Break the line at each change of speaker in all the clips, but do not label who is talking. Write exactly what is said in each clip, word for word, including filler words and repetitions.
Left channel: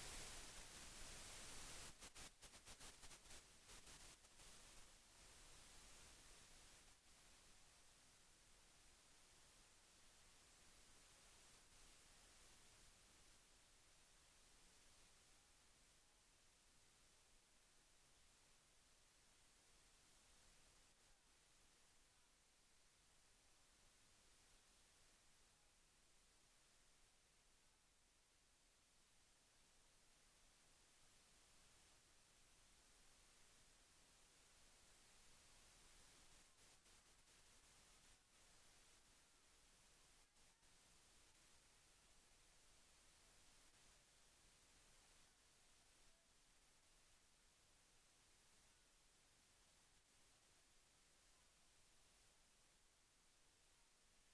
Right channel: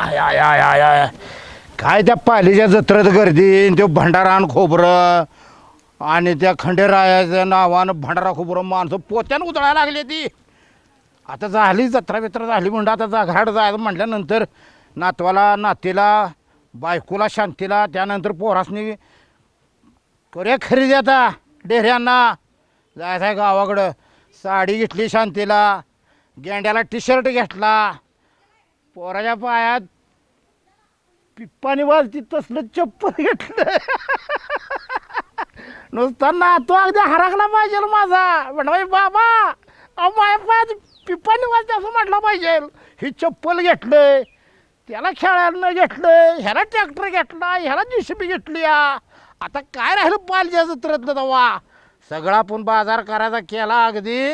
I आय आय आय आय काय त्या पालीच्या जत्रेत गर्दी तो भंडारान खोबरं आणि त्या खंडेरायाच्या नावानं भंडारा खोबरं माणसं पोत्यानं उतळायला लागली ती. आता झाली जत्रा बित्रा झाली म्हणलं आता जा घरात जायचं म्हटल्यानंतर नातवाला नातीला बायकोला शांतीला त्यानंतर पोरासनी करे खरेदी आता डेऱ्यांना जायचं आहे गावाकडं. साडी घेतली शांतीला, गेंड्याला टी शर्ट घेतला, पोराच्या पायात पिप्पानी वाजती तसलं चप्पल घेतलं. नुसता नातू अगदी हरकला पाहिजे माझा. म्हणा बाबा अहो माझ्या पायात पिप्पानी वाजते असं म्हटलं पाहिजे. ही चप्पल घेतलं, त्याला खेळायला घेतलं, ह्याला ट्रॅक्टर घेतला, ह्याला जी सी बी घेतली. आता काय राहिलं पालच्या जत्रेतलं तेव्हा सगळा आपण बाजार करायचा केला अगदी.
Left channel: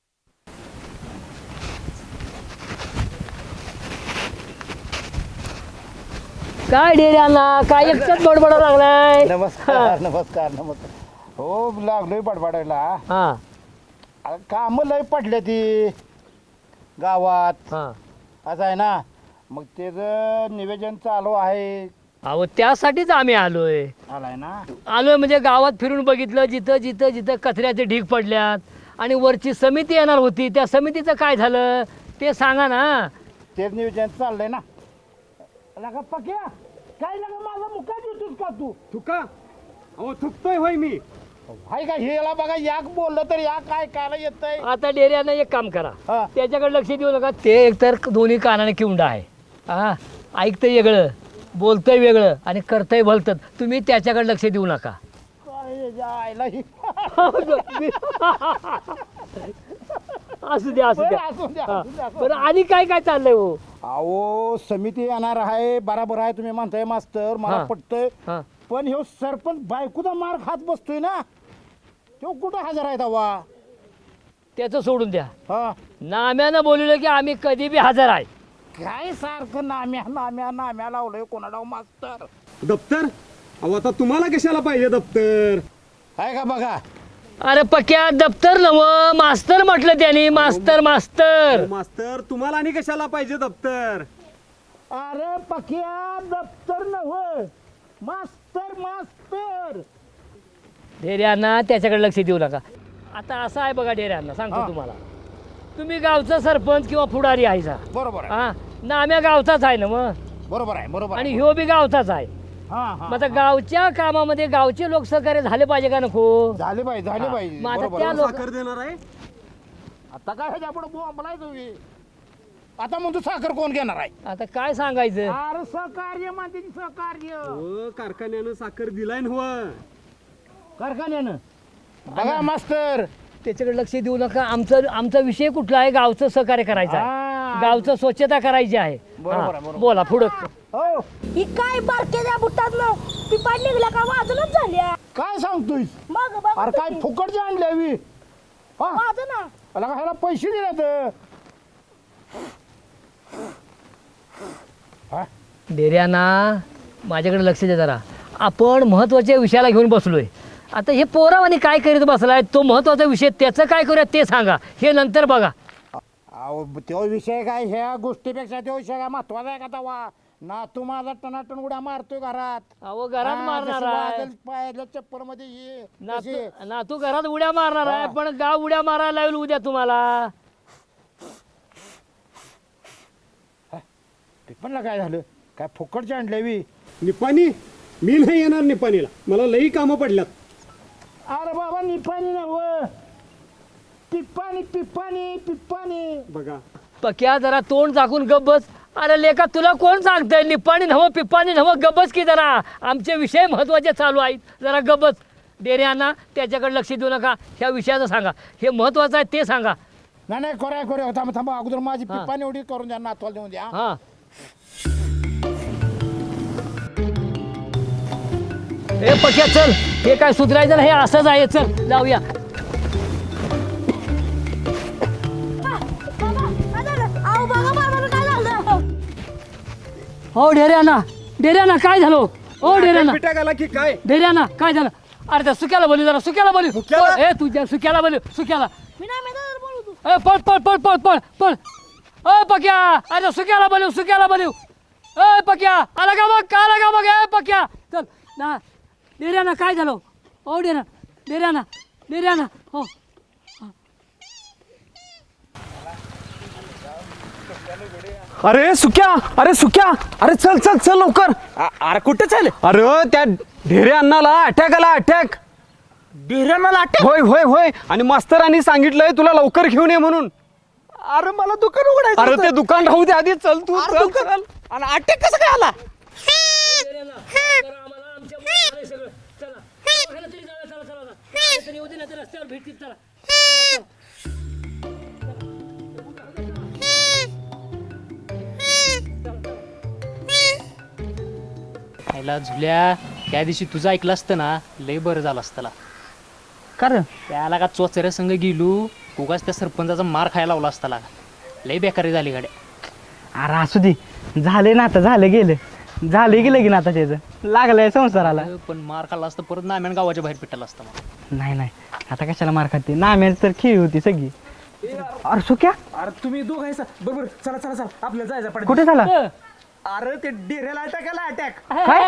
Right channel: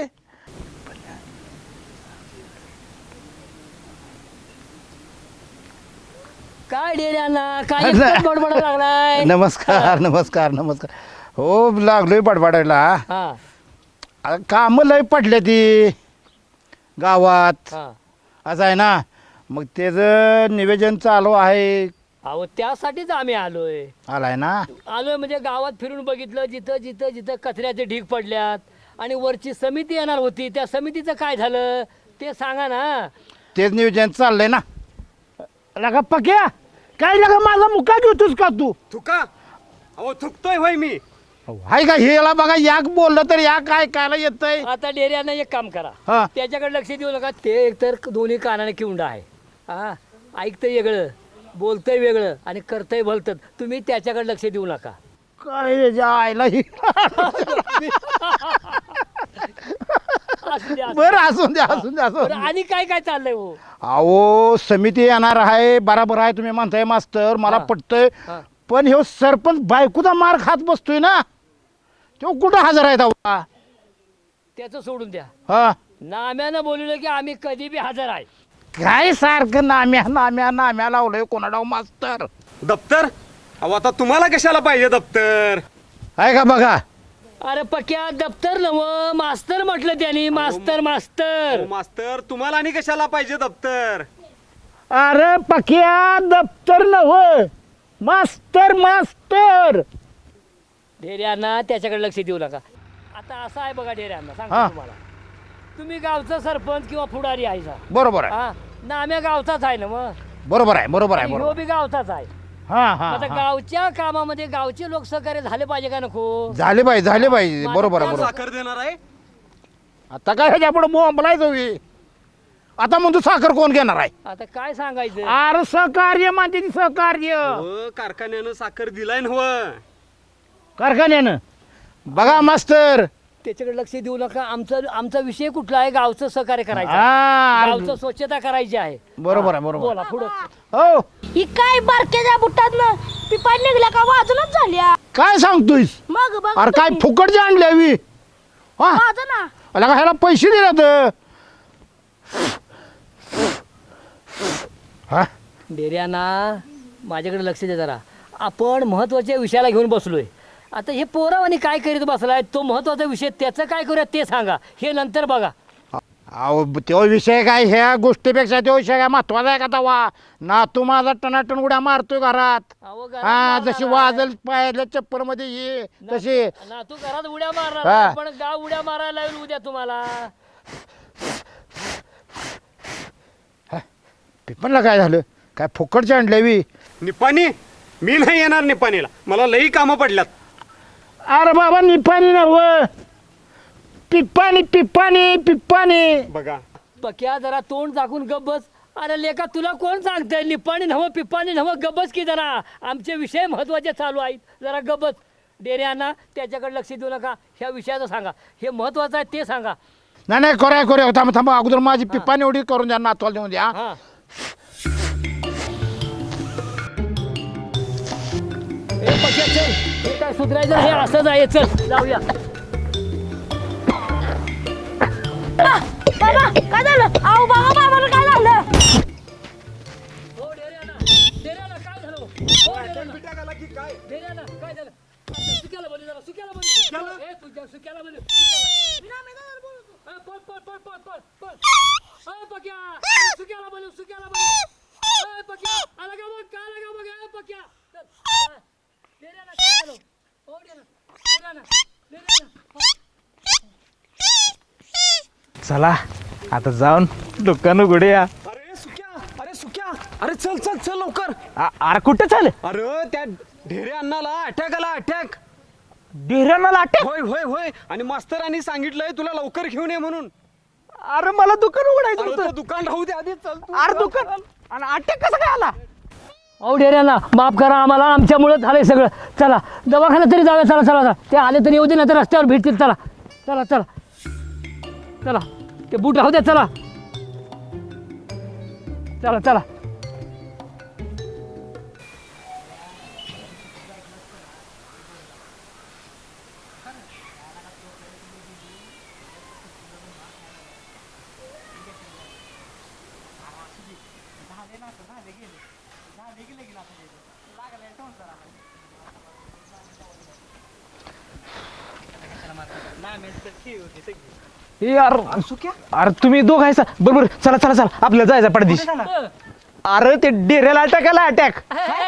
काय डेऱ्यांना काय एकच बडबड लागलाय.
नमस्कार नमस्कार नमस्कार. हो लागलोय बडबडायला.
हा
काम लय पडले ती गावात
हा
असं आहे ना. मग त्याचं निवेदन चालू आहे.
अहो त्यासाठीच आम्ही आलोय.
आलाय ना.
आलोय म्हणजे गावात फिरून बघितलं जिथं जिथं जिथं कचऱ्याचे ढीग पडल्यात आणि वरची समिती येणार होती त्या समितीचं काय झालं ते सांगा ना.
तेच नियोजन चाललंय ना. लगा पक्या काय लगा माझा मुका घेतोस का तू?
थुका अहो थुकतोय होय मी.
हाय का हेला बघा याक बोललं तर या काय कायला येतंय.
आता डेऱ्यानं एक काम करा
हा
त्याच्याकडे लक्ष देऊ नका. ते एकतर दोन्ही कानाने किवडा आहे. हा ऐकतंय वेगळं बोलतंय वेगळं आणि करतंय भलतं. तुम्ही त्याच्याकडे लक्ष देऊ नका.
काय याच्या आईला ही.
असू द्या असू
बरं
द्या.
असून द्या असून द्या असून
बरं, आणि काय काय चाललंय हो.
अहो समिती येणार आहे बराबर आहे तुम्ही म्हणताय मास्तर मला
हा.
पटतंय.
हा.
पण ह्यो सरपंच बायकोचा मार खात बसतोय ना. तो कुठं हजर आहे तेव्हा.
त्याचं सोडून द्या.
हा
नाम्यानं बोलवलं की आम्ही कधी बी हजर आहे.
काय सारखं नाम्या नाम्या नाम्या लावलंय कोणाडाव मास्तर.
दप्तर अहो आता तुम्हाला कशाला पाहिजे दप्तर.
आहे का बघा.
अरे पक्या दप्तर नव मास्तर म्हटलं त्यांनी. मास्तर मास्तर
अहो, मास्तर तुम्हाला आणि कशाला पाहिजे दप्तर.
अरे पक्या दप्तर नव मास्तर मास्तर.
डेऱ्यांना त्याच्याकडे लक्ष देऊ नका. आता असं आहे बघा डेऱ्यांना सांगतो
हा.
तुम्हाला. तुम्ही गावचा सरपंच किंवा पुढारी आहे सा.
बरोबर आहे
हा नाम्या गावचाच आहे ना मग.
बरोबर आहे बरोबर
आणि
आहे
ह्यो बी गावचाच आहे.
हा हा
मग आता
हा.
गावच्या कामामध्ये गावचे लोक सहकार्य झाले पाहिजे का नको.
झाले पाहिजे झाले पाहिजे
मग
बरोबर आहे
आता
बरोबर.
साखर देणार आहे.
आता काय ह्याच्या पुढे बोंबलायचं बी. आता म्हणतो साखर कोण घेणार आहे.
आता काय सांगायचं.
अरे सहकार्य म्हणते ती सहकार्य
अहो, कारखान्यानं साखर दिलाय ना हो.
कारखान्यानं. बघा मास्तर
त्याच्याकडे लक्ष देऊ नका. आमचं आमचा विषय कुठला आहे गावचं सहकार्य करायचं आहे.
हा.
गावचं स्वच्छता करायची आहे.
बरोबर आहे,
हा,
बरोबर.
बोला पुढं.
हो
ही काय बारक्याच्या बुटातनं पिपाय निघल्या का वाजूनच झाल्या.
काय सांगतोयस.
मग बघ
अरे काय फुकटची आणली हवी. हा
वाज ना.
अला का ह्याला पैसे दिले तर. हा
डेऱ्यांना माझ्याकडे लक्ष दे जरा. आपण महत्वाच्या विषयाला घेऊन बसलोय. आता हे पोरावानी काय करीत बसलाय तो महत्वाचा विषय त्याचं काय करूया ते सांगा. हे नंतर बघा.
अहो तो विषय काय ह्या गोष्टीपेक्षा तो विषय काय महत्वाचा आहे का तवा. ना तू माझा टनाटन उड्या मारतोय घरात.
अहो, घरात
हा
मारणार
जशी
आहे.
वाजल पायातल्या चप्पल मध्ये ये तशी.
ना- ना तू घरात उड्या मारणार
हा.
आहे, पण गाव उड्या मारायला लावेल उद्या तुम्हाला.
पिपणला काय झालं काय फुकटची आणली हवी.
निपाणी मी नाही येणार निपाणीला. मला लई कामं पडल्यात.
अरे बाबा निपाणी नव पिप्पानी पिप्पानी पिप्पानी.
बघा
पक्या जरा तोंड झाकून गब्बस. अरे लेका तुला कोण सांगतंय निप्पाणी नव्ह पिप्पाणी नव्ह. गब्बस की जरा आमचे विषय महत्वाचे चालू आहेत. जरा गब्बस. डेऱ्यांना त्याच्याकडे लक्ष देऊ नका. ह्या विषयाचं सांगा. हे महत्वाचं आहे ते सांगा.
नाही नाही करूया करूया थांबा थांबा अगोदर माझी पिप्पानी एवढी करून द्या नातवाला देऊन द्या.
हा ए पक्या चल. हे काय सुधरायचं नाही, हे असंच आहे. चल जाऊया.
बाबा काय झालं. अहो बाबा बाबाला काय झालं.
हो डेऱ्यांना डेऱ्यांना काय झालं. हो डेऱ्यांना
पिठा घाला की काय.
डेऱ्यांना काय झालं. अरे त्या सुक्याला बोलू जरा. सुक्याला बोलू.
सुक्याला?
ए तुझ्या सुक्याला बोलू. सुक्याला
मी ना मी ना बोलू तू.
ए पळ पळ पळ पळ पळ पळ. ओ पक्या अरे सुक्याला बोलू. सुक्याला बोलू. ए पक्या आला का बघ का आला का बघ ए पक्या चल ना डेऱ्याना काय झालं हो डेऱ्या डेऱ्याना डेऱ्याना हो
चला आता जाऊन दुकान उघडूया. अरे सुक्या अरे सुक्या अरे चल चल चल लवकर. अ- अरे कुठे चल. अरे त्या ढेरे अण्णाला अटॅक आला अटॅक. ढेरे अण्णाला अटॅक. होय होय होय आणि मास्तरांनी सांगितलंय तुला लवकर घेऊन ये म्हणून. अरे मला दुकान उघडायचं. अरे ते दुकान राहू दे आधी चल तू. आणि अटॅक कसं काय आला.
हो डेऱ्याना माफ करा आम्हाला आमच्यामुळे झालंय सगळं. चला दवाखान्यात तरी जाऊया. चला चला चला ते आले तरी येऊ दे ना तर रस्त्यावर भेटतील. चला चला चला चला ते बूट राहू द्या. चला चला चला
आईला झुल्या त्या दिवशी तुझं ऐकलं असतं ना लय बरं झालं असतं त्याला.
कारण
त्याला का चोचऱ्या संग गेलो उगाच त्या सरपंचाचा मार खायला लावला असताला. लय बेकारी झाली गाड्या.
अरे असू दे झाले ना आता झालं गेलं झालं गेलं की ना आता त्याचं लागलंय संसाराला.
पण मार खाल्ला असतं परत नाम्यान गावाच्या बाहेर पिटाला असतं मग.
नाही नाही आता कशाला मार खाते नाम्याच तर खेळ होती सगळी. ए अरे अरे सुक्या अरे तुम्ही दोघायचा बरोबर चला चला चला आपल्याला जायचं पडते. झाला अरे ते डेऱ्याला अटॅक आला अटॅक.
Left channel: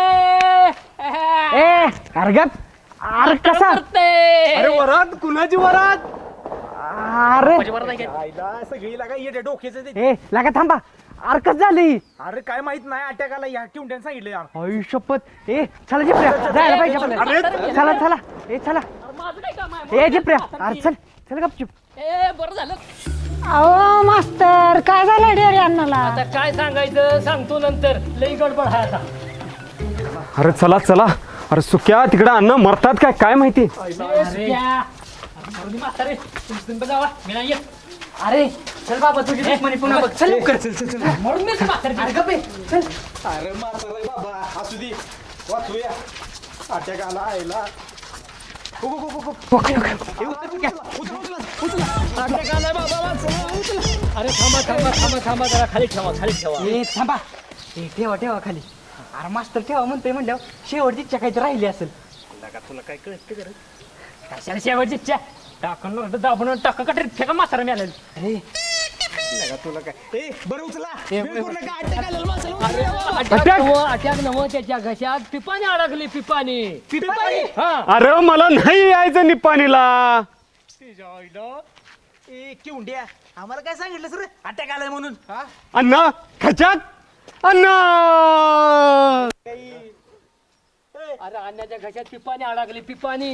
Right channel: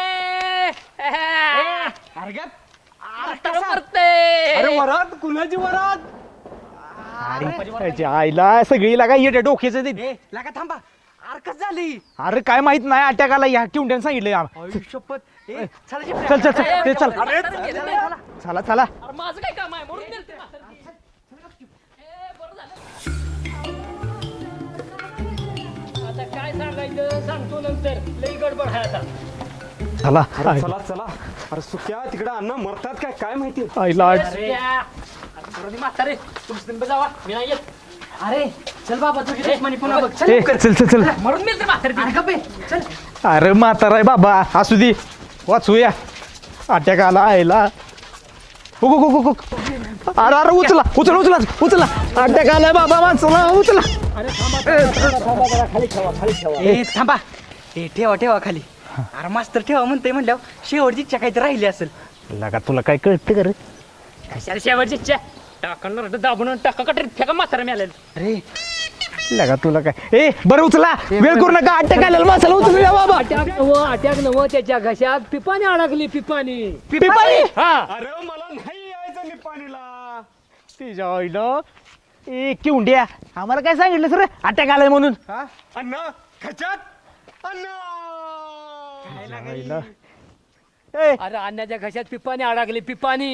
ए अरे गप. अरे कसा अरे वरात कुणाची वरात. अरे त्याच्या आईला सगळी लागा येते डोक्याचं ते. ए लागा थांबा. अरे कसं झाली. अरे काय माहित नाही अटॅक आला या किवट्यानं सांगितलं यार. आई शपथ. ए चला जिप्रे चल चल चल चल. अरे चला चला चला चला.
माझं काय काम आहे
ए जिप्रे अरे चल चल गपचूप.
ए बरं झालं.
अहो मास्तर काय झालं डेअरी अण्णाला
आता काय सांगायचं सांगतो नंतर. लई गडबड आहे आता.
चला अरे चला चला. अरे सुक्या तिकडे अन्न मरतात काय काय माहिती. आईला
ए, सुक्या. अरे, मरू दे म्हातारे. तुम्ही तुम्ही जावा. मी नाही येत. अरे चल बाबा तुझी दुश्मनी पुन्हा बघ. चल
ए, चल चल चल.
मरून मी म्हातारे. अरे गप्पे. चल
अरे म्हातारा आहे बाबा असू दे वाचूया. अटॅक आला आईला. हो, हो, हो, हो, हो. अरे अरे उचला उचला उचला उचला. अटॅक आलाय बाबा वाचला उचला.
अरे थांबा थांबा थांबा थांबा जरा खाली ठेवा खाली ठेवा.
ए थांबा ए ठेवा ठेवा खाली. अरे मास्तर ठेवा म्हणतोय म्हणल्यावर शेवटची इच्छा काहीतरी राहिली असेल.
लगा तुला काय कळतं का रे.
कशाला शेवटची इच्छा टाकणार दाबून टाका कटरीत फेका म्हातारा मिळालं.
अरे
लगा तुला काय. ए बरं उचला वेळ करू नका. अटॅक आलेला माणसाला उचलूया बाबा.
Attack
attack.
नवं अटॅक नवं त्याच्या घशात पिपाने अडकली पिपाने.
पिपाणी.
हा
अरे मला नाही यायचं निपाणीला.
तिच्या आईला. ए किवंड्या आम्हाला काय सांगितलं सर अटॅक आलाय म्हणून.
अण्णा खच्यात अण्णा.
ए
अरे अन्नाच्या घशात पिपाने अडकली पिपाने.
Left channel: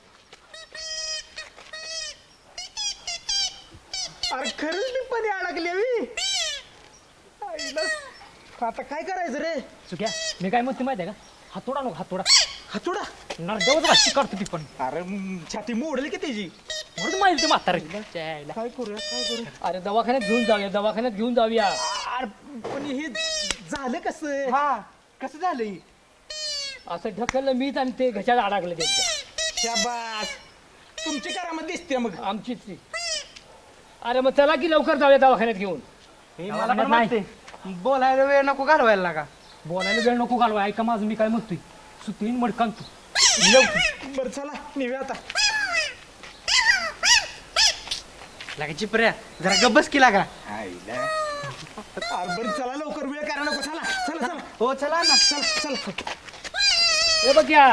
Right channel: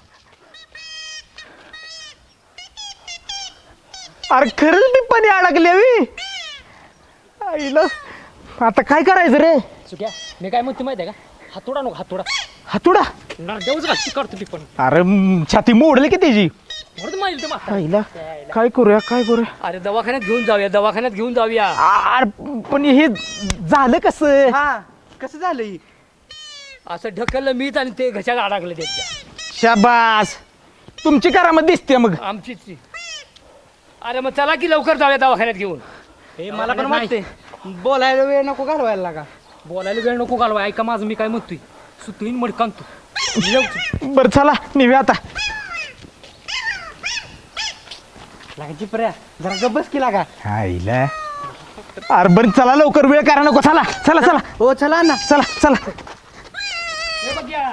अरे खरंच पिप्पानी अडकली हवी. आईला आता काय करायचं रे.
सुट्या मी काय म्हणते माहिती आहे का हातोडा नको हातोडा.
हातुडा.
नरदेवच घाशी काढतो पिपण.
अरे म, छाती मोडली की त्याची.
म्हणून माहिती म्हातारा.
आईला काय करूया काय करूया.
अरे दवाखान्यात घेऊन जाऊया दवाखान्यात घेऊन जाऊया.
अरे पण हे झालं कसं.
कसं झालंय.
असं ढकललं मीच आणि ते घशात अडकलं त्याच्या.
शाबास तुमची करामत दिसते मग.
आमचीच ती. अरे मग चला की लवकर जाऊया दवाखान्यात घेऊन.
हे मला पण वाटतंय बोलायला वेळ नको घालवायला लागा.
बोलायला वेळ नको घालवा. ऐका माझं मी काय म्हणतोय सुतीन मडकान तू.
बरं चला निघूया आता.
लागा चिपऱ्या जरा गब्बस की लागा.
आईला. अरे बरं चला लवकर वेळ करा नको. चला चला चला.
हो चला ना.
चला चला.
हे बघ या.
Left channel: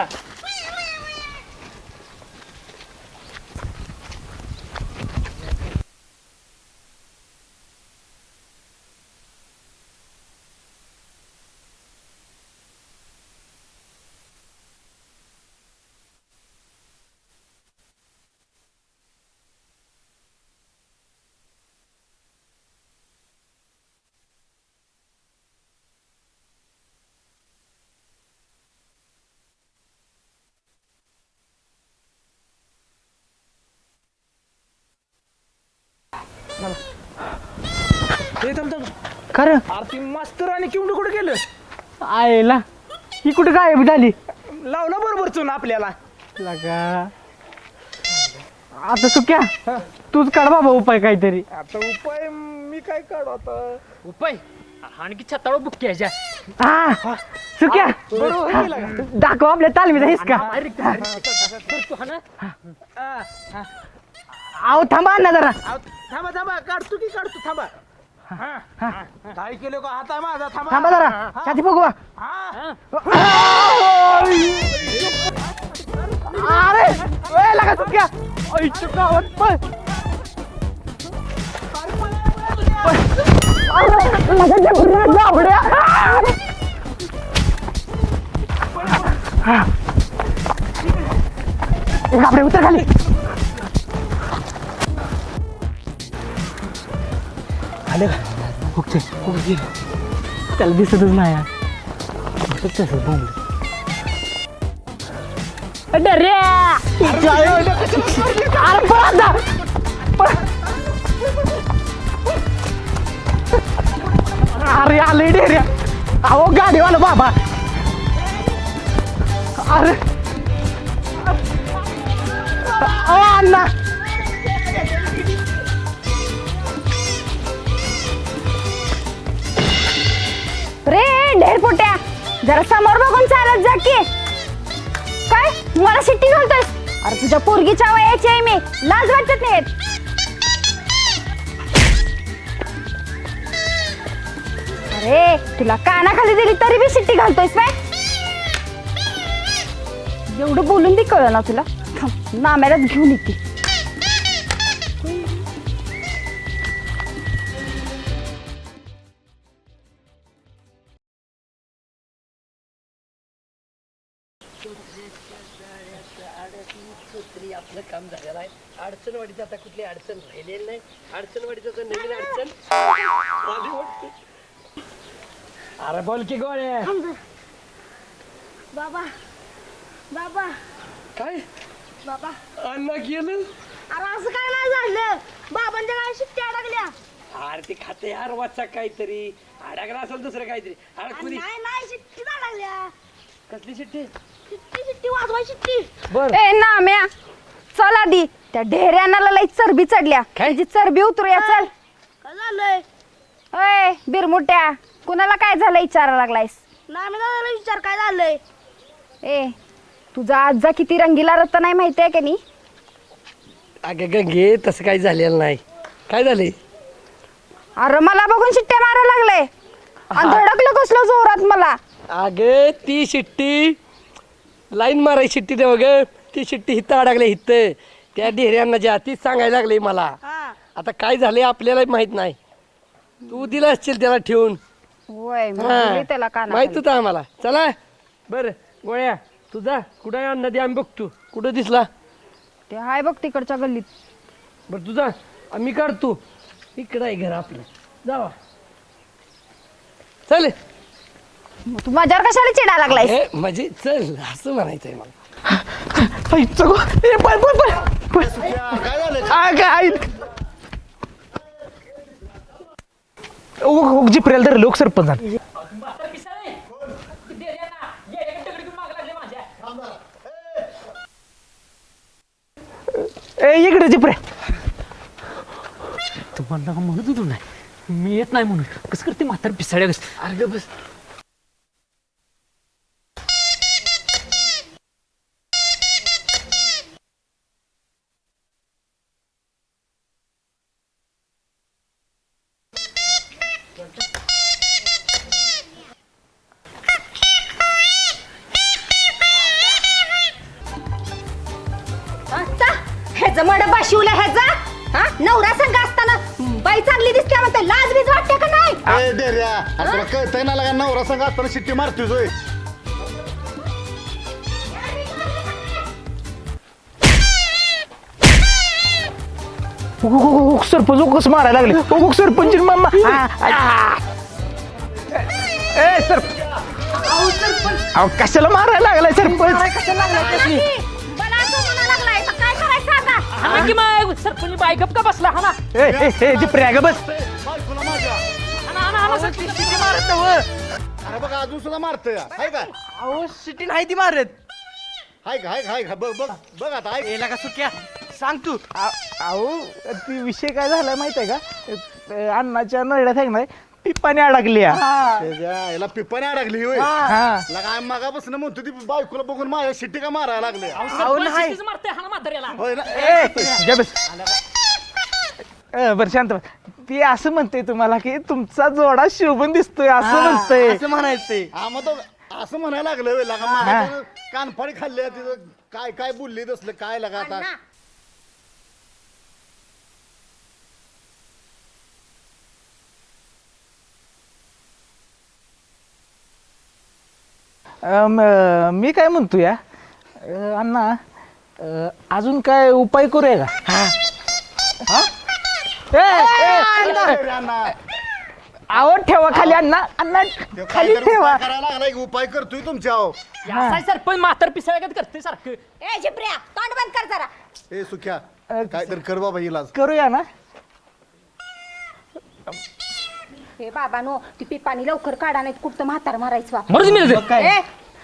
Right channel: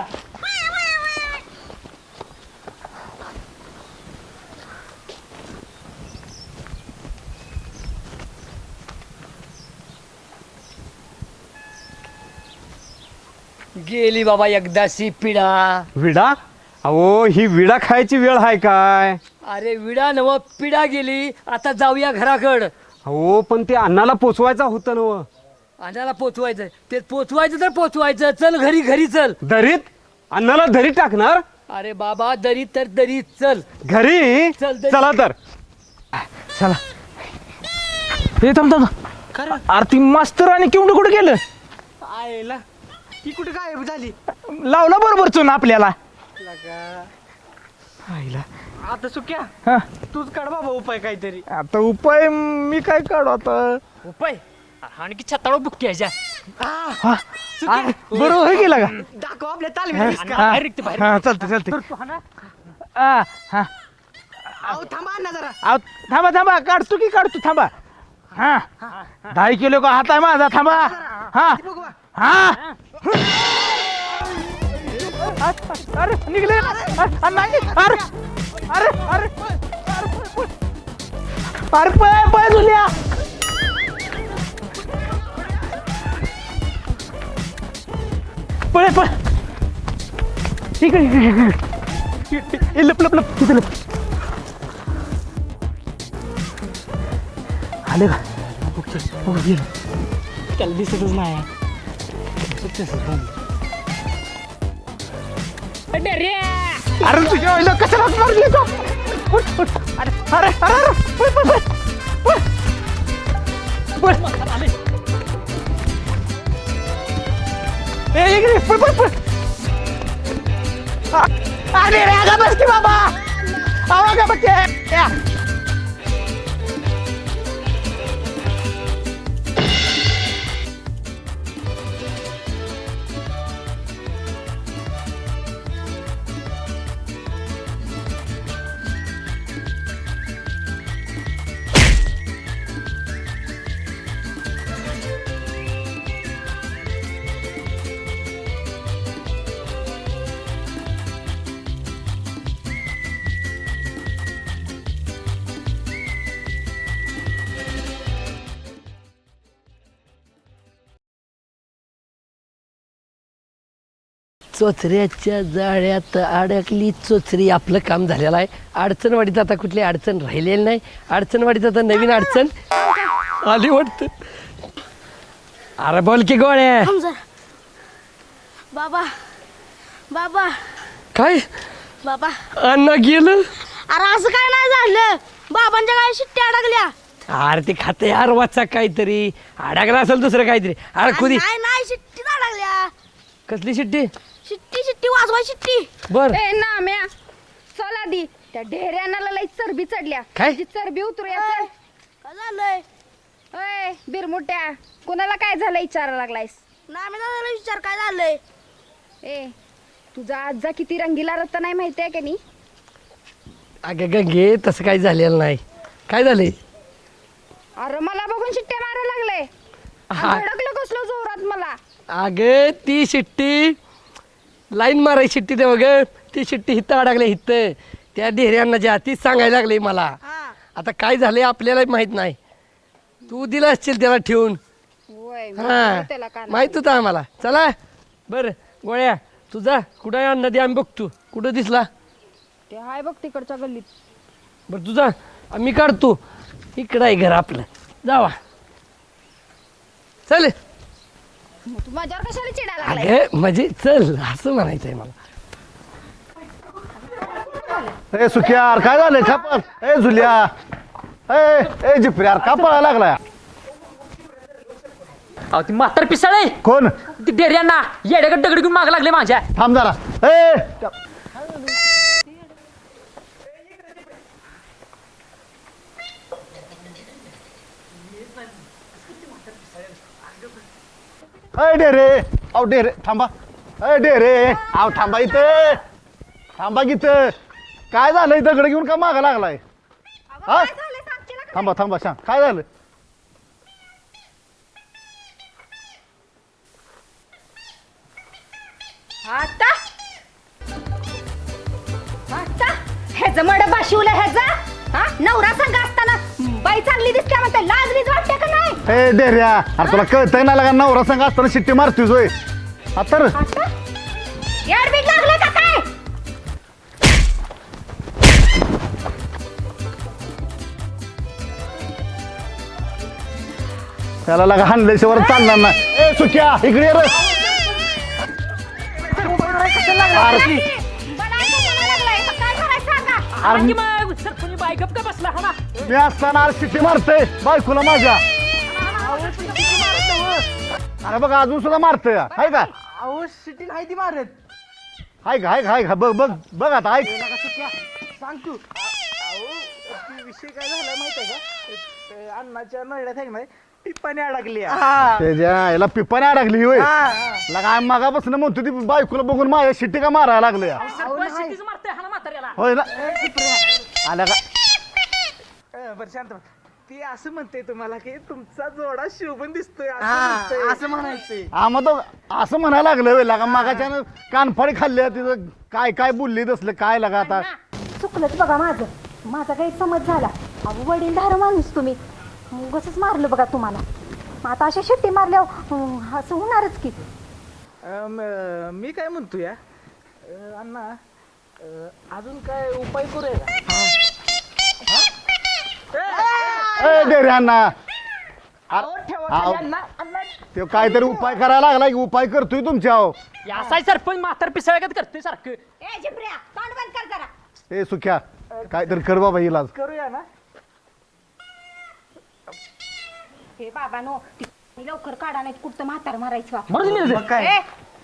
गेली बाबा एकदाची पिढा.
विडा. अहो ही विडा खायची वेळ आहे काय.
अरे विडा नव पिढा गेली. आता जाऊया घराकड.
हो पण ते अण्णाला पोचवायचा होतं नव.
अन्नाला पोचवायचं ते पोचवायचं तर पोचवायचं. चल घरी घरी चल.
दरीत अण्णाला दरीत टाकणार.
अरे बाबा दरी तर दरी चल.
घरी
चल, दरीत.
चला तर.
चला. ए थांब थांब. खरं आरती मास्तर आणि किवडं कुठं गेलं. आईला ही कुठं गायब झाली. लावला बरोबर चुन आपल्याला. लगा आईला. आता सुक्या हा, तूच काढ बाबा उपाय काहीतरी. आता उपाय मी काय काढू आता.
उपाय आणखी छताळ बुक्की ह्याच्या.
हा हा सुक्या बरोबर गेला का. दाखव आपल्या तालमीला हिसका. हा हा, चालतं चालतं. हा हा. आहो थांबा ना जरा. आहो थांबा थांबा काढतो की काढतो थांबा. हा दहा किलो का हात आहे माझा थांबा
थांबा जरा
हा
आधी बघू बा.
हा अरे निघले अरे नाही लागा सुक्या. अरे अरे पळ अरे पळ पळ दुनिया पळ पळ हा. ठीक आहे ठीक आहे, ठीक आहे आपल्या उतर खाली लप लप लप तिथे लप. आले का कुठचे कुठे गेले त्याला दिसतच नाही यार. कसं तसं बोंबलं.
अरे
अरे जायला कशाला लागले का? अरे पळ आता. अरे पळ अरे अरे पळ पळ पळ पळ. अरे आले डेऱ्या अहो गाडीवाला बाबा ए इकडे पळ पळ पळ. अरे अरे रे आगा बस की बाबा अहो अण्णा अहो आगा बस की.
रे ढेर पोट्या जरा समोर बघून चालत जा की. काय मला शिट्टी घालतोयस? अरे तुझ्या पोरगीच्या वयाची आहे मी, लाज वाटत नाही. अरे तुला कानाखाली दिली तरी बी शिट्टी घालतोयस काय? एवढं बोलून बी कळलं ना तुला. थांब, नाम्यालाच घेऊन येते.
चोचऱ्याच्या जाळ्यात अडकली चोचरी. आपलं काम झालेलं आहे. अडचणवाडीत आता कुठली अडचण राहिलेली नाही. अडचणवाडीत आता नवीन अडचण आली वाटतं. अरे बोल की गोळ्या.
थांब जरा. बाबा बाबा
काय
बाबा
अन्न गेलं.
अरे असं काय नाही झालं. बाबांच्या काय शिट्ट्या अडकल्या.
अरे ते खाते यार वाचा काहीतरी अडकला असेल दुसरं काहीतरी. अरे खुदी
नाही नाही शिट्टी अडकल्या.
कसली शिट्टी.
शिट्टी शिट्टी वाजवा शिट्टी.
बर
ए नाम्या चल आधी त्या ढेऱ्यानाला लई चरबी चढल्या.
काय?
जी चरबी उतरूया चल. काय झालंय? ए बिरमुट्या कुणाला काय झालं विचारायला लागलायस? नाम्या विचार काय झालंय? ए तुझा आजा किती रंगीला रत्ता नाही माहिती आहे का नी?
अगं गंगे तसं काही झालेलं नाही. काय झालंय?
अरे मला बघून शिट्ट्या मारायला लागले आणि धडकलं कसलं जोरात मला.
अगं ती शिट्टी लाईन मारायची शिट्टी ते बघ. ती शिट्टी हिथं अडकले हिथं त्या ढेऱ्यांना ज्या तीच सांगायला लागली मला. आता काय झालंय आपल्याला माहित नाही. तू दिला असशील त्याला ठेवून.
होय मी
हा.
दिली त्याला कानाखाली.
माहित होतं आम्हाला. चला बरं गोळ्या तुझा कुठं आहे अण्णा दे आम्ही बघतो कुठं दिसला.
ते हाय बघ तिकडच्या गल्लीत.
बरं तुझा आम्ही काढतो. इकडं आहे घर आपलं. जावा चल.
मग तू माझ्यावर कशाला चिडा लागलाय?
ए, म्हणजे चल असं म्हणायचंय मला.
ए पळ पळ पळ.
ए सुक्या अरे काय झालं
काय, काय?
ए झुल्या ए ए जिप्री यार का पळायला लागलाय?
जिप्रेल तर लोक सरपंच झाले.
अहो ती म्हातार पिसाळे
कोण?
ती डेऱ्यांना येड्याकडे दगड घेऊन माग लागले माझ्या.
थांब जरा. ए
ए इकडे जिप्रे.
तुम्हाला का म्हणत होतो नाही मी येत नाही म्हणून. कसं करते म्हातार पिसाळ्या कसं. अरे बस
अय डेरे अहो डेरे थांबा. अय डेरे अहो थांबा इथे. थांबा इथं. काय झालंय दगड घेऊन का मागा लागलाय? हा थांबा थांबा सांग काय झालं?
ह्याचं मड बशिवलं ह्याचा. हा नवरा संग असताना बाई चांगली दिसते म्हणते लाज बीज वाटते का नाही?
ए डेऱ्या अरे तुला कळतंय ना लगा नवरा संग असताना शिट्टी मारतोय जोय. आता रे.
याड बीज लागले का काय?
सरपंच कसं मारायला लागले. उग सरपंच मामा
त्याला लगा हाणल्याशिवाय चालणार ना. ए सुक्या इकडे ये रे.
अहो कशाला मारायला लागलाय सरपंच. कशाला लागलाय?
मला असं म्हणायला लागलाय तर काय करायचं आता?
अरे की मग सरपंच बाई गप का बसला हा ना.
ए, ए, ए, जिप्रे, अगं मार.
मारतय बायकोला माझ्या.
अहो, ती शिटी मारत नव्हं.
अरे बघा अजून सुद्धा मारतोय. हाय का
अहो शिटी नाही ती मारत.
हाय का हाय का हाय का बघ बघ बघ आता ऐक.
याला का सुक्या सांग तू.
अहो ती विषय काय झाला माहित आहे का. अ, अण्णाच्या नळ्यात आहे ना पिपाने अडकली.
त्याच्या याला पिपाने अडकली होय.
हा.
लगा मागापासून म्हणतो ती बायकोला बघून माझ्या शिट्टी का मारायला लागले.
सरपंच शिट्टीच मारते हा ना म्हाताऱ्याला.
होय ना. ए, घे बस. आला का
बरं शांत बस. ती असं म्हणते तुम्हाला की तुमचा जोडा शोभून दिसतोय असं म्हणतंय.
असं म्हणायचंय.
आम्हाला असं म्हणायला लागलं वेळ लागा मागायच्यानं कानफाडी खाल्ली तिथं काय काय बोलली तसलं काय लागा आता.
चुकलंच बघा माझं माझा गैरसमज झाला. अहो वडीलधार माणूस तुम्ही उगाचच मारलं बघा तुम्हाला. मग आता अशा शिट्टी मारल्यावर अं, असं होणारच की.
अम, मी काय म्हणतो या अ, अण्णा अ, अजून काय उपाय करूया का? हा? ए, ए, ए,
डेऱ्यांना
आवड ठेवा खाली अण्णा अण्णा
ते
खाली
काहीतरी
ठेवा.
उपाय करायला लागला की उपाय करतोय तुमच्या अहो.
असाय सरपंच म्हातार पिसळगत करते सारखं.
ए जिप्रिया तोंड बंद कर जरा.
ए सुख्या काहीतरी कर बाबा इलाज.
करूया ना.
हे बाबानो ती पिपाणी लवकर काढा नाही कुठं म्हातार मारायचं.
मरूच मी
ए,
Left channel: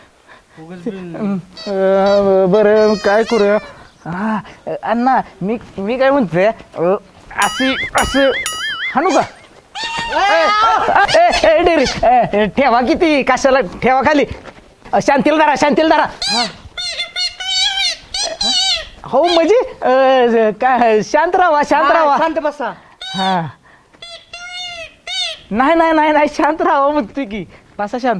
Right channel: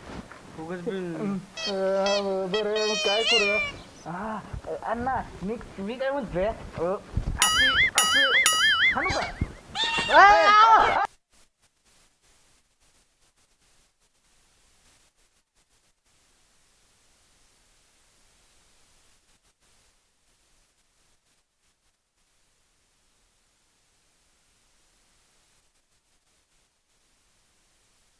अ, बरं काय करूया हा अण्णा मी मी काय म्हणतोय अ, अशी असं हाणू का? ए, ए, ए, डेरी, ए, ठेवा किती कशाला ठेवा खाली अ, शांतील धरा शांतील धरा हो म्हणजे अ, काय शांत राहा शांत
हा,
राहा
शांत बसा.
हा नाही नाही नाही नाही शांत राहा म्हणतोय की बसा शांत.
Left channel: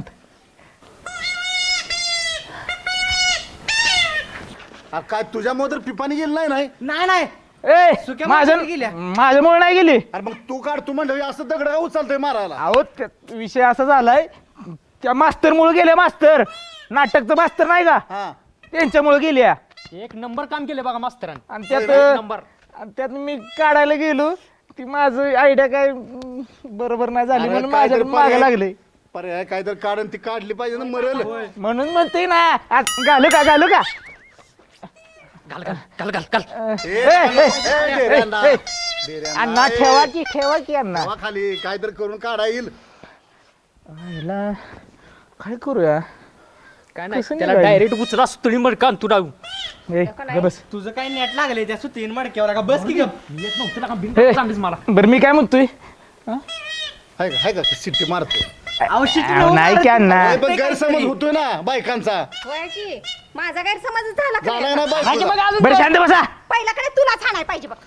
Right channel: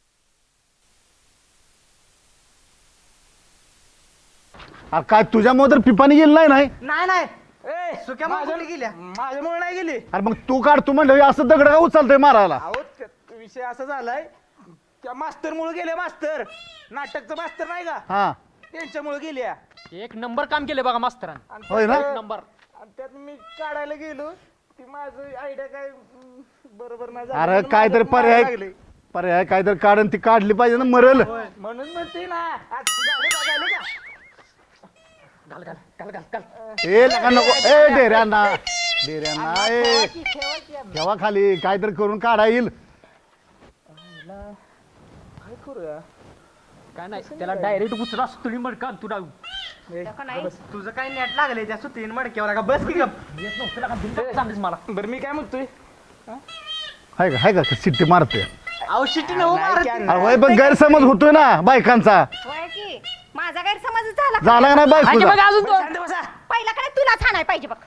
आ, काय तुझ्यामुळे तर पिपाणी गेलं नाही नाही
नाही नाही
ए
सुक्या
माझ्या
माणसाने गेल्या.
माझ्यामुळे नाही गेली.
अरे मग तू काढ तू म्हणलं असं दगड का उचलतोय मारायला.
अहो त्या- विषय असा झालाय त्या मास्तर मुळे गेले मास्तर नाटकचं मास्तर नाही का
हा
त्यांच्यामुळे गेल्या
एक नंबर काम केलं बघा मास्तरांनी.
आणि
होय
त्यात
ना?
नंबर.
आणि त्यात मी काढायला गेलो ती माझं आयडिया काय अं, बरोबर नाही झाली
अरे
म्हणून
काहीतरी
माझ्या मागे
पर्याय
लागले
पर्याय काहीतरी काढून ती काढली पाहिजे ना मरल.
म्हणून म्हणते ना आज घालू का घालू का
घाल घाल घाल घाल घाल.
ए, नको, ए, डेऱ्यांना. डेऱ्यांना.
अण्णा ठेवा की ठेवा की अण्णा
ठेवा खाली काहीतरी करून काढा येईल.
आईला काय करूया
काय नाही
कसं
त्याला
निघायचं?
डायरेक्ट उचला सुतळी मड कान तू राहू.
ए, ग बस
तुझं काय नेट लागले त्या सुतीन मडक्यावर का बस की गप.
ए,
चांगलीच मला.
बरं मी काय म्हणतोय
हाय का हाय का सिट्टी मारतोय.
औषध
अहो, नाही की अण्णा
होय, पण गैरसमज होतोय ना बायकांचा.
होय की माझा गैरसमज झाला का?
झाला का नाही बायकोचा?
बरं शांत बसा
पहिल्याकडे तुला छानाय पाहिजे बघ.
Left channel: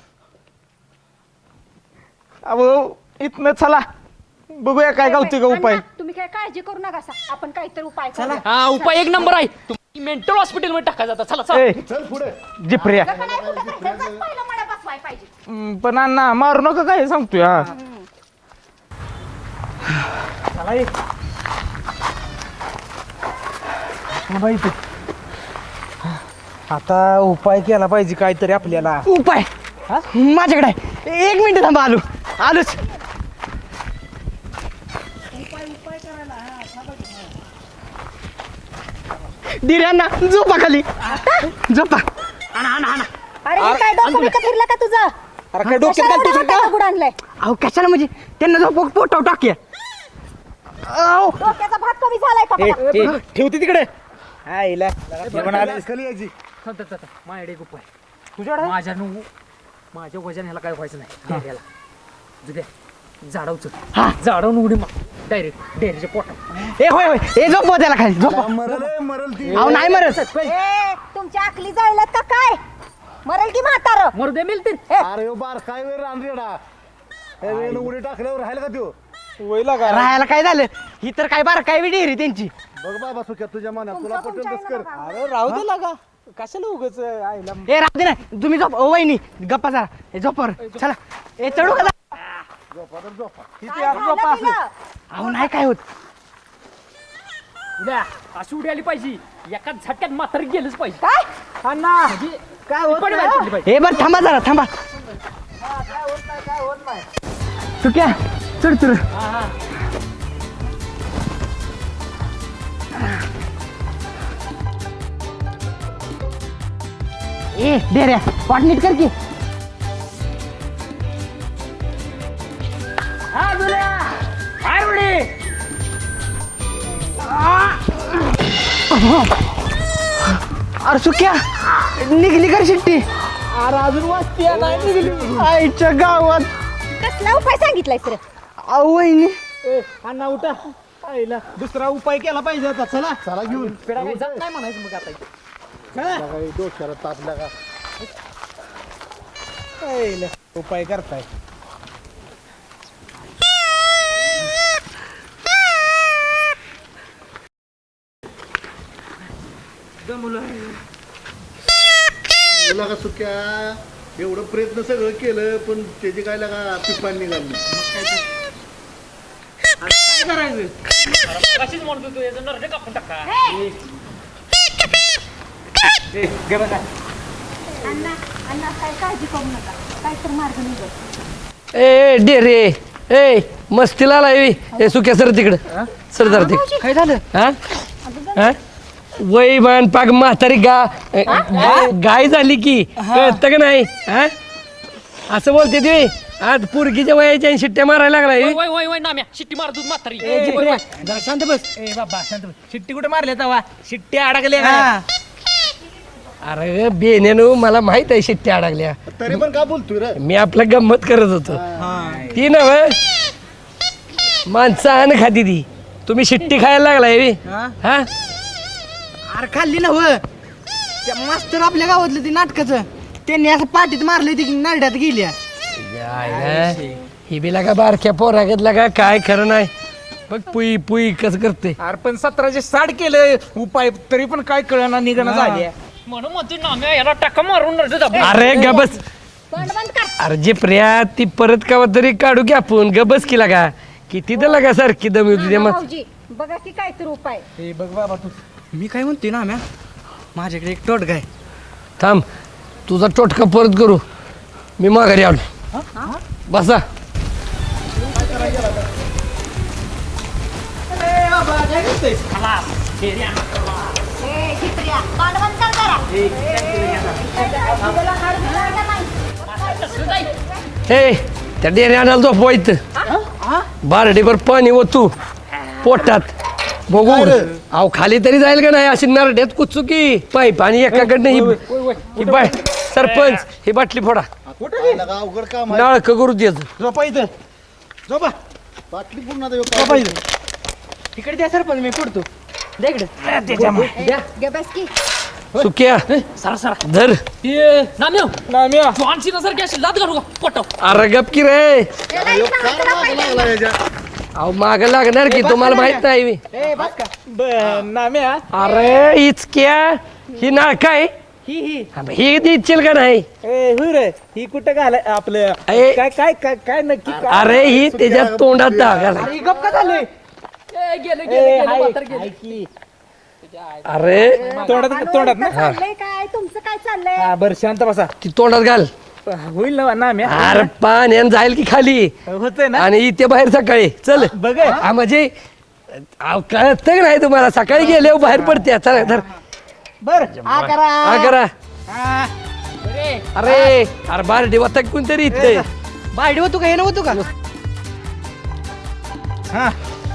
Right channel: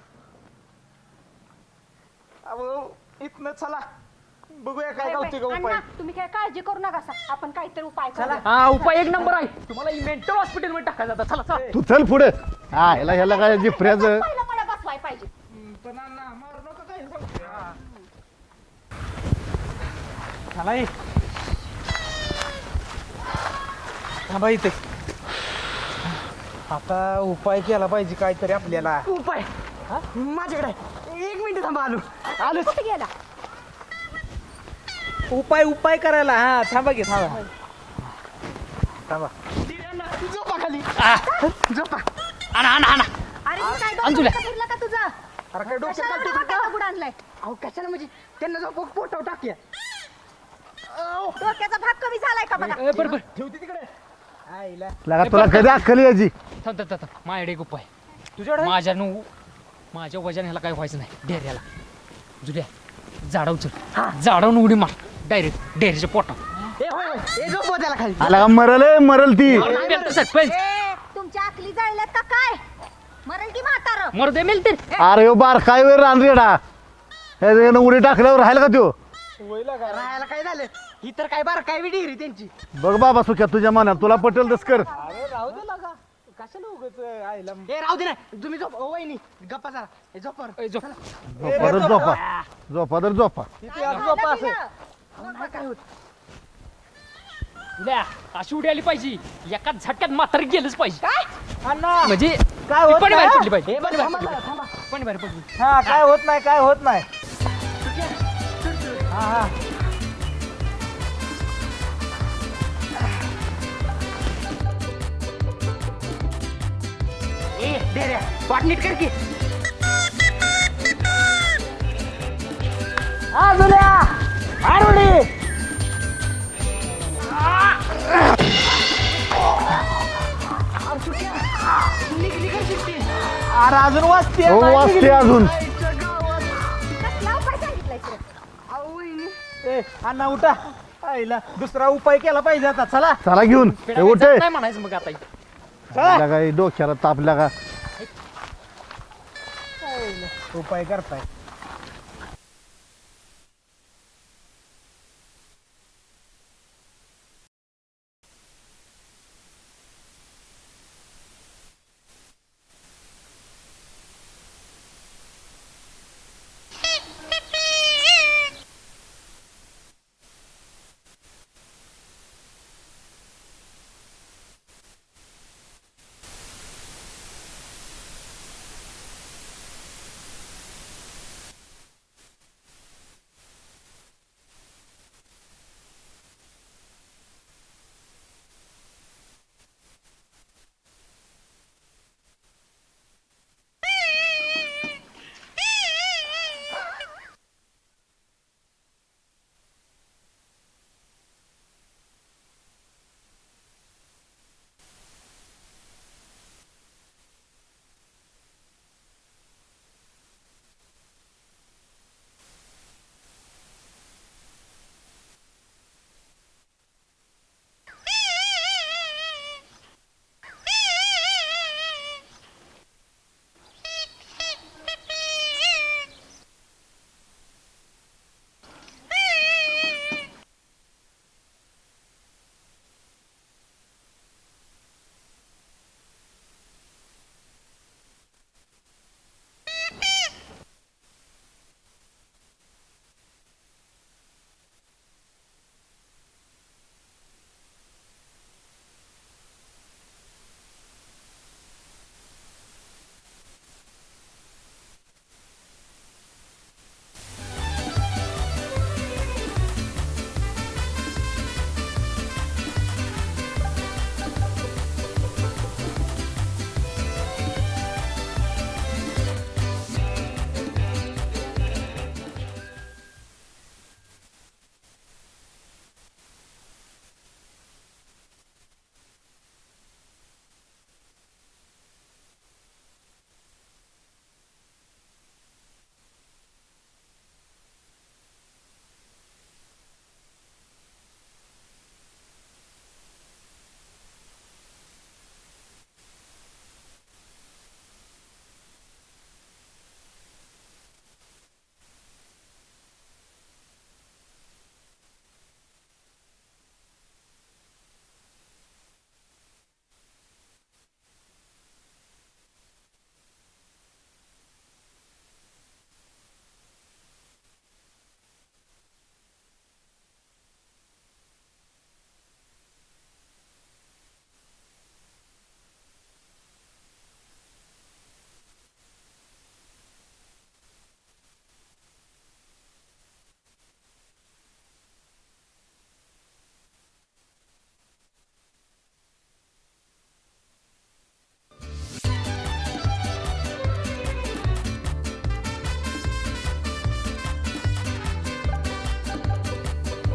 अहो इथनं चला बघूया काय गावतोय का उपाय
अण्णा, तुम्ही काय काळजी करू नका सा. आपण काहीतरी उपाय करूया.
हा उपाय एक नंबर आहे. तुम्हाला मेंटल हॉस्पिटल मध्ये टाकायचं आता. चला चला.
ए,
तू चल पुढे
जिप्रिया.
हा, ह्याला काय जिप्रियाचं
पहिलं मला बसवाय पाहिजे.
हम्म, पण अण्णा मारू नका काय सांगतोय हा चला ये. हे बाई इथे. आता उपाय केला पाहिजे काहीतरी आपल्याला
उपाय माझ्याकडे आहे. एक मिनिट थांबा आलो आलोच.
उपाय उपाय करायला हा थांबा की थांबा
दिऱ्यांना झोपा खाली झोपा.
आणा आणा आणा.
अरे हे काय डोकं बिकं फिरलं का तुझं?
अरे काय डोक्यात
कशाला
घालतोस
एवढा
का?
मोठा दगड आणलाय?
अहो कशाला म्हणजे त्यांना झोप पोटाव टाकूया. अहो,
डोक्याचा भाग कमी झालाय का बघा.
ठेवते तिकडे आईला
लगा तुला कधी अक्कल यायची.
थांब, थांब, थांब. माझ्याकडे एक उपाय. माझ्या नु माझ्या वजन ह्याला काय व्हायचं नाही. डेऱ्याला जुल्या झाडा उचल. झाडावून उडी मार डायरेक्ट डेरीच्या पोटात.
ए होय होय ए झोपवा त्याला खाली झोपवा.
लगा मरल ए, मरल ती.
अहो नाही मरत.
सरपंच
ए, तुमच्या आकली जाळल्यात का काय? मरल की म्हातार.
मरू दे मेल तर.
अरे ह्यो बार काय वेळ रानरेडा ह्यानं उडी टाकल्यावर राहिलं का त्यो.
राहायला काय झालं ही तर काय बार काय डेअरी त्यांची.
बघ बाबा सुख्या तुझ्या मनात तुला पटेल तस कर.
अरे राहू दे लागा कशाला उगाच आईला
ए राहू दे ना तुम्ही झोप ओ वहिनी गप्पा जरा ए झोपर चला ए चढ
झोपा
चला.
झोपा झोपा तर झोपा.
किती आज झोपा असेल
अहो नाही काय होत.
उद्या अशी उडी आली पाहिजे. एका झटक्यात मात्र गेलंच पाहिजे.
अण्णा
म्हणजे
काय होत
पिपाणी बाहेर पडली पाहिजे.
ए बरं थांबा जरा थांबा.
पिपाणी बाहेर पडली.
हा काय होत नाही काय होत नाही
चुक्या चढ चढ. ए डेऱ्या पाठ नीट कर की.
हा दुर्या हाय उडी
अरे चुक्या निघली कर शिट्टी.
अरे अजून वाजते
हो वाजते अजून.
आईच्या गावात.
कसला उपाय सांगितलाय सर?
अहो वहिनी
ए, अण्णा उठा आईला दुसरा उपाय केला पाहिजे आता चला
चला घेऊन ए, उठे.
काय म्हणायचं मग आता.
लगा हे डोक्याला तापल्या का.
आईला, उपाय करताय
सुक्या एवढं प्रयत्न सगळं केलं पण त्याची काय लागा पिपान निघाली.
काय करायचं
कशीच म्हणतो तू याचं नरडे कापून टाका
अण्णा अण्णा काय काळजी करू नका, काय तर मार्ग निघत.
ए डेरे ए मस्तीला लावी ए सुक्या सर तिकडं सर जरा तिकडं
काय झालं
हा हा वय मान पाग म्हातारी गा गा- गाय झाली की कळतं का नाही हा असं बोलते ते आज पुरकीच्या वयाच्या आणि शिट्ट्या मारायला लागलाय
वय वय वय वय नाम्या शिट्टी मार दूध म्हातारी
ए, जिप्रिया, जरा शांत बस ए बाबा शांत बस शिट्टी कुठे मारल्या तवा शिट्ट्या अडकल्या का?
अरे बेनेनो मला माहित आहे शिट्ट्या अडकल्या
तरी पण का बोलतोय रे?
मी आपलं गंमत करत होतो ती नव माणसं आण खाती ती तुम्ही शिट्टी खायला लागलाय बे.
हा?
हा
अरे खाल्ली ना हो त्या मास्तर आपल्या गावातलं ते नाटकाचं त्यांनी असं पाठीत मारलं ती नरड्यात गेल्या
ही बी लागा बारक्या पोरागत लागा काय खरं नाही बघ पुई पुई कसं करते
अरे पण सतराशे साठ केलं उपाय तरी पण काय कळना निघणं झाली
म्हणून म्हणतो नाम्या याला टाका मारून नरडे दाबून
अरे गबस अरे जे प्रिया ती परत कावा तरी काढू की आपण गबस की लागा किती तर लागा सारखी दमी होती मग
भाऊजी बघा की काय तर उपाय.
ए बघ बाबा तू मी काय म्हणते ना म्या माझ्याकडे एक टोटका आहे.
थांब तुझा टोटका परत करू मी माघारी आलो बसा हे त्या डेरे आणायला झोपवायचं बारडीवर पाणी ओतू पोटात बघू अहो खाली तरी जाईल का नाही अशी नरड्यात कुचू की पाईप आणि एकाकडनं ही ही बाय सरपंच ही बाटली फोडा
काय लागा अवघड काम आहे.
नाळक करू द्यायचं
झोपा इथं झोपा
बाटली पूर्ण आता ह्यो
झोपा
काय
इथं इकडे द्या सरपंच मी पुढतो द्या इकडे
गे बस की.
सुक्या
सरा सरा
धर
ए नाम्या
नाम्या
तू आणशील सारखी अशी लात घालू का पोटाव
अरे गप की रे
ए, नाही,
ह्यो
इथं
काय मागं लागला याच्या?
अहो माग लागणार की तुम्हाला माहित नाही बे.
ए बस का
ब- नाम्या
अरे इचक्या ही नाळ काय
ही ही
ही इच्छेल का नाही
ए हुई रे ही कुठं घालाय आपलं
ए.
काय काय काय काय नक्की काय?
अरे ही त्याच्या तोंडात घाला
अरे गप का झालंय
गेले
ए,
गेले
हाय,
म्हातार गेले
हाय की.
अरे
तोंडात तोंडात ना
इथं चाललंय काय तुमचं काय चाललंय.
हा बरं शांत बसा
ती तोंडात घाल
होईल ना नाम्या
अरे पाण्यान जाईल की खाली
होतंय ना
आणि इथे बाहेर सकाळी चल
बघ
हा म्हणजे अहो, कळत नाही तुम्हाला सकाळी गेले बाहेर पडते चला धर
बर हा करा
हा करा
हा.
अरे अरे बार देवता कोणतरी इथे
बायडी होतो का हे नव्हतो का हा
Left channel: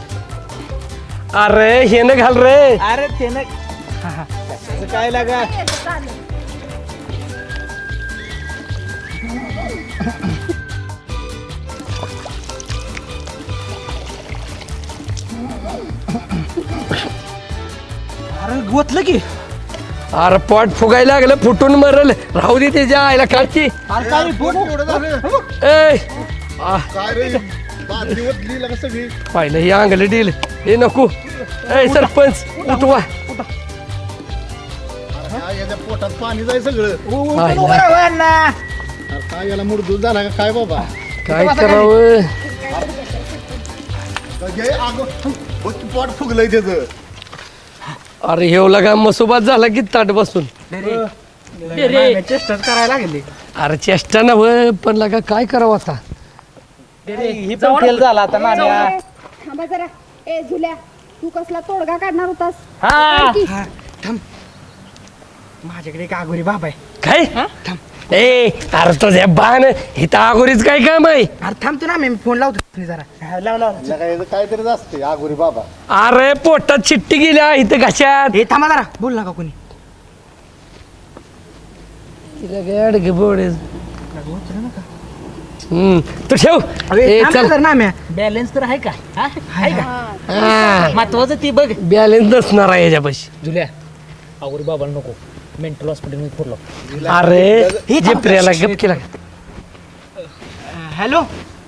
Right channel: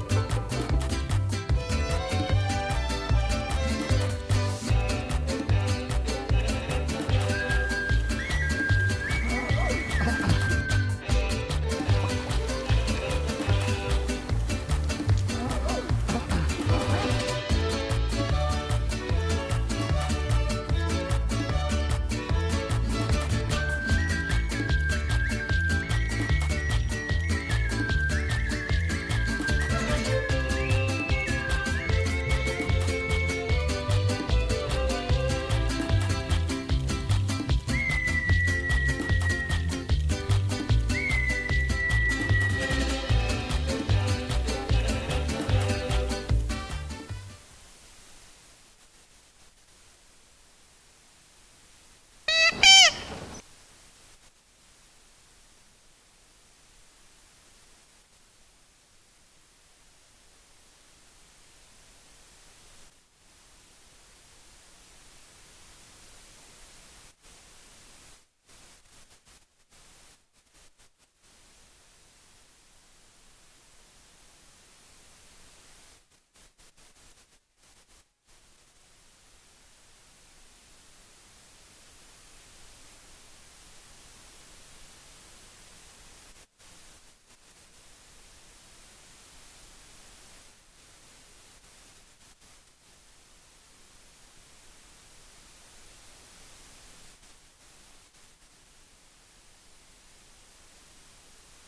अरे हे न घाल रे
अरे ते ना काय लागा अरे गोतलं की
अरे पोट फुगायला लागलं फुटून मरल राहू दे त्याच्या आईला काढची
अरे काय रे, पोट एवढं झालं?
ए आ,
काय रे बाटली ओतली लागा सगळी.
पाहिलं हे अंगलं डील हे नको ए सरपंच उठवा
काय याच्या पोटात पाणी जाय सगळं.
पाहिलं.
अरे काय याला मुरदूर झाला का काय बाबा?
काय करावं
हे अगं, पोट फुगलंय त्याचं.
अरे हे लगा मसोबात झाला की ताट बसून
चेष्टाच करायला लागले
अरे चेष्टा नव पण लगा काय करावं आता
ही पण फेल झाला आता नाम्या
ए, थांबा जरा. ए झुल्या तू कसला तोडगा काढणार होतास.
हा
काढ की.
हा थांब माझ्याकडे एक आगोरी बाबा आहे
काय ए अरे तुझ्या बाण इथं अगोरीच काय काम आहे
अरे थांबतो ना मी फोन लावतो तुम्ही जरा हा, लाव लाव
याला याचं काहीतरी असते आगोरी बाबा.
अरे पोटात चिट्टी गेल्या इथं घशात
हे थांबा जरा बोल नका कोणी
हम्म तू ठेव ए चल
ना म्या
बॅलन्स तर आहे का हा? आहे का
हा
महत्वाचं ती बघ
बॅलेन्स नसणार आहे याच्यापाशी
जुल्या आवरी बाबाला नको मेंटल हॉस्पिटल मध्ये फोडलो
अरे जे प्रियाला गप केला
हॅलो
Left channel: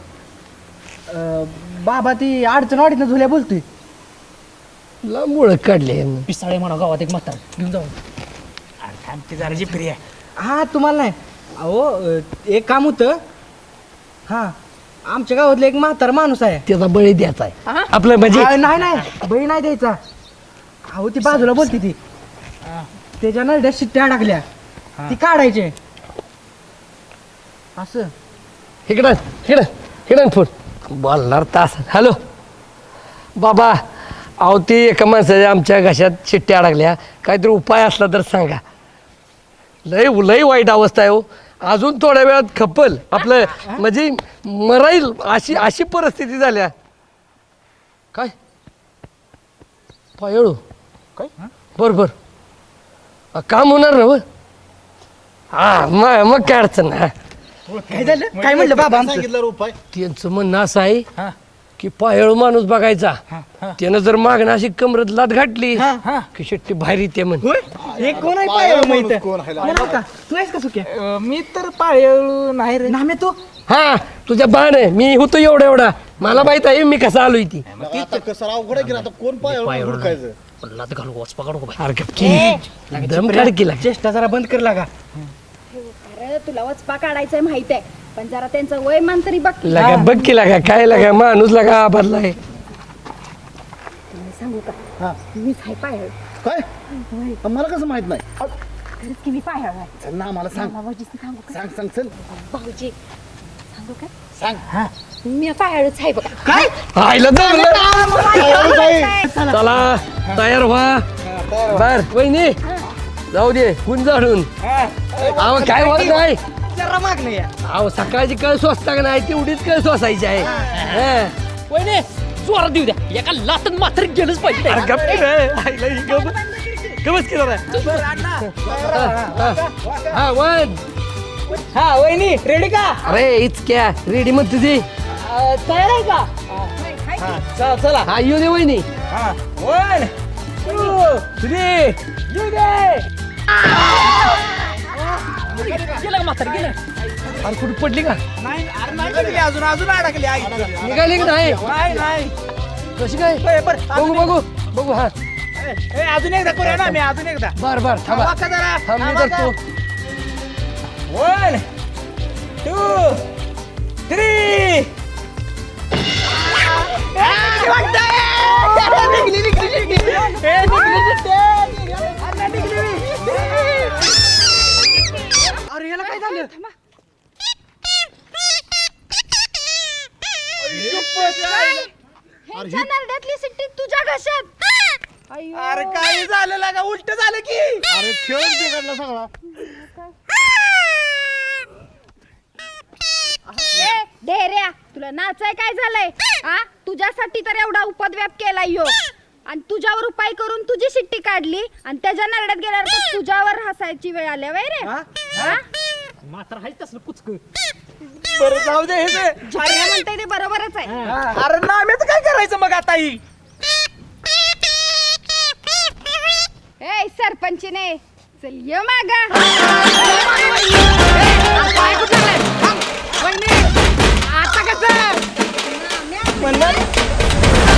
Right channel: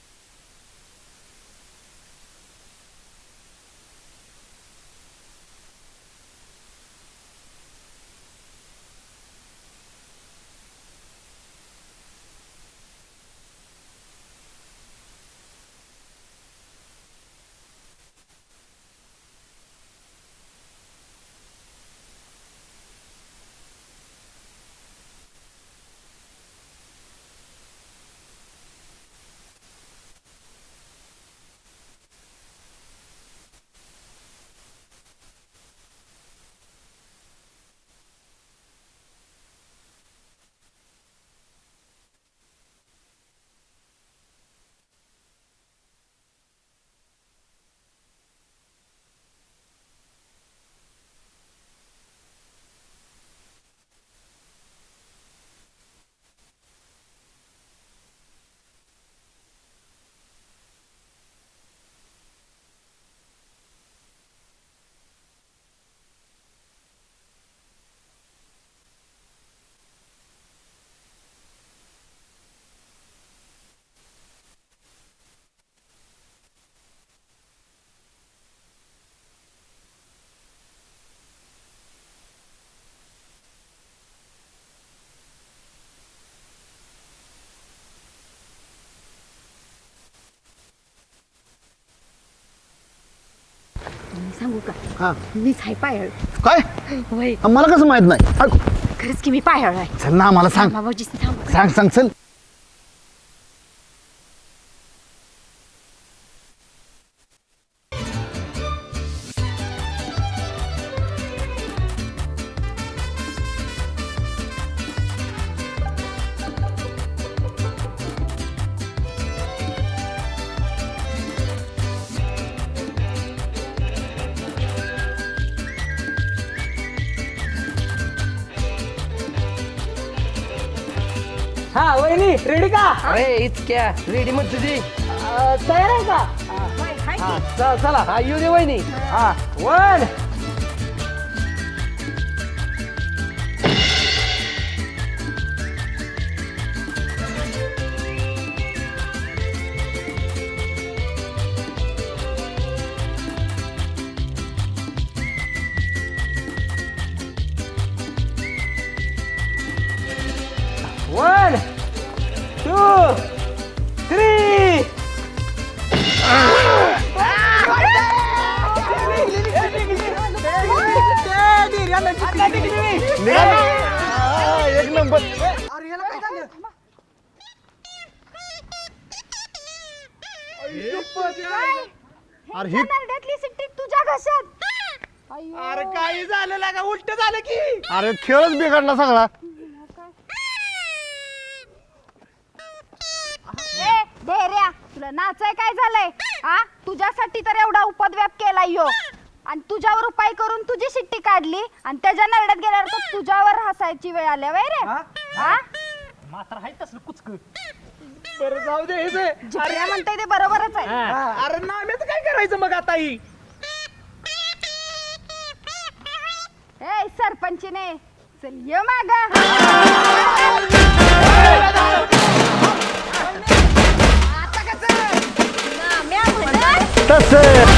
बाबा ती अडचण वाढीत झुल्या बोलतोय
मुळ काढले
पिसाळे म्हणा गावात एक म्हातार घेऊन जाऊ
हा तुम्हाला नाही अहो अ, एक काम होतं हा आमच्या गावातला एक म्हातारा माणूस आहे
त्याचा बळी द्यायचा आहे आपलं म्हणजे
आ, नाही नाही बळी नाही द्यायचा अहो ती बाजूला बोलती ती त्याच्या नरड्या शिट्ट्या टाकल्या ती काढायचे असं
इकडं इकडं इकडं फोन बोलणार तास हॅलो बाबा अहो ते एका माणसाच्या आमच्या घशात शिट्ट्या अडकल्या काहीतरी उपाय असला तर सांगा लय लय वाईट अवस्था आहे हो अजून थोड्या वेळात खपल आपलं म्हणजे मराईल अशी अशी परिस्थिती झाल्या काय पायळू काय बरं बरं काम होणार ना व हा मग मग काय अडचण नाही
काय झालं काय म्हणलं बाबा आमचं
सांगितलं उपाय
त्यांचं म्हणणं असं आहे की पायळू माणूस बघायचा त्यानं जर मागणं अशी कमरत लात घातली की शेट्टी बाहेर येते म्हण
हे कोण आहे पायळू माहित
कोण आहे?
तू आहेस का सुक्या मी तर पायळू नाही रे नामे तू
हा तुझ्या बाण आहे मी होतो एवढा एवढा मला माहित आहे मी कसा आलोय ती
आता कसं अवघड आहे की आता कोण पाय हुडकायचं
लात घालू वाच पकडू का
अरे गपकी दम काढकी लाग
चेष्टा जरा बंद कर लागा
अरे तुला वचपा काढायचंय माहित आहे पण जरा त्यांचं वय मान तरी बघ की.
लगा बघ की लागा काय लागा माणूस लागा बदलाय
मी सांगू का मीच आहे पायळ
काय
होय
मला कसं माहित नाही अरे,
खरंच की मी पायळ आहे
चल ना मला सांग
भाऊजी सांगू का?
सांग सांग चल
भाऊजी सांगू का सांग मी पायळच आहे बघा
काय
आईला दमलं चला तयार व्हा बर वहिनी जाऊ दे गुण झाडून अहो काय होत नाही
जरा मागलं या
अहो सकाळची कळ स्वस्ता का नाही तेवढीच कळ स्वसायची आहे हा.
वहिनी जोरात देऊ द्या एका लातन मात्र गेलंच पाहिजे
अरे गप की रे. आईला ही गप- गपच केलं रे. हा, हा. हा वन
हा वहिनी रेडी का
अरे इतक्या रेडी मग तुझी
तयार आहे का
चला चला हा येऊ दे वहिनी
वन टू थ्री
गेलं का म्हातारं, गेलं?
आणि कुठे पडली का
अजून अजून अडकली आई
निघाली की नाही
नाही नाही
कशी काय बघू बघू बघू हा
ए, अजून एकदा करूया ना मी अजून एकदा
बर बर थांबा
वाका जरा.
थांब मी
वाका.
करतो
वन टू थ्री अरे याला काय झालं
ह्यांच्या नरड्यातली सिट्टी तुझ्या घशात अय्यो.
अरे काय झालं लागा उलट झालं की
अरे खेळच बिघडला सगळा
ए, ढेऱ्या तुला नाचाय काय झालंय हा तुझ्यासाठी तर एवढा उपद्व्याप केलाय यो आणि तुझ्यावर उपाय करून तुझी सिट्टी काढली आणि त्याच्या नरड्यात गेल्यावर तर तुझ्यावर हसायची वेळ आल्या वय रे हा?
म्हातारं आहे तसलं कुचक
बरं जाऊ दे हे जे.
ढेऱ्या म्हणताय ते बरोबरच आहे
अरे नाम्याचं काय करायचं मग आता ही
ए सरपंचीने चल ये माग
आता कसं
तसं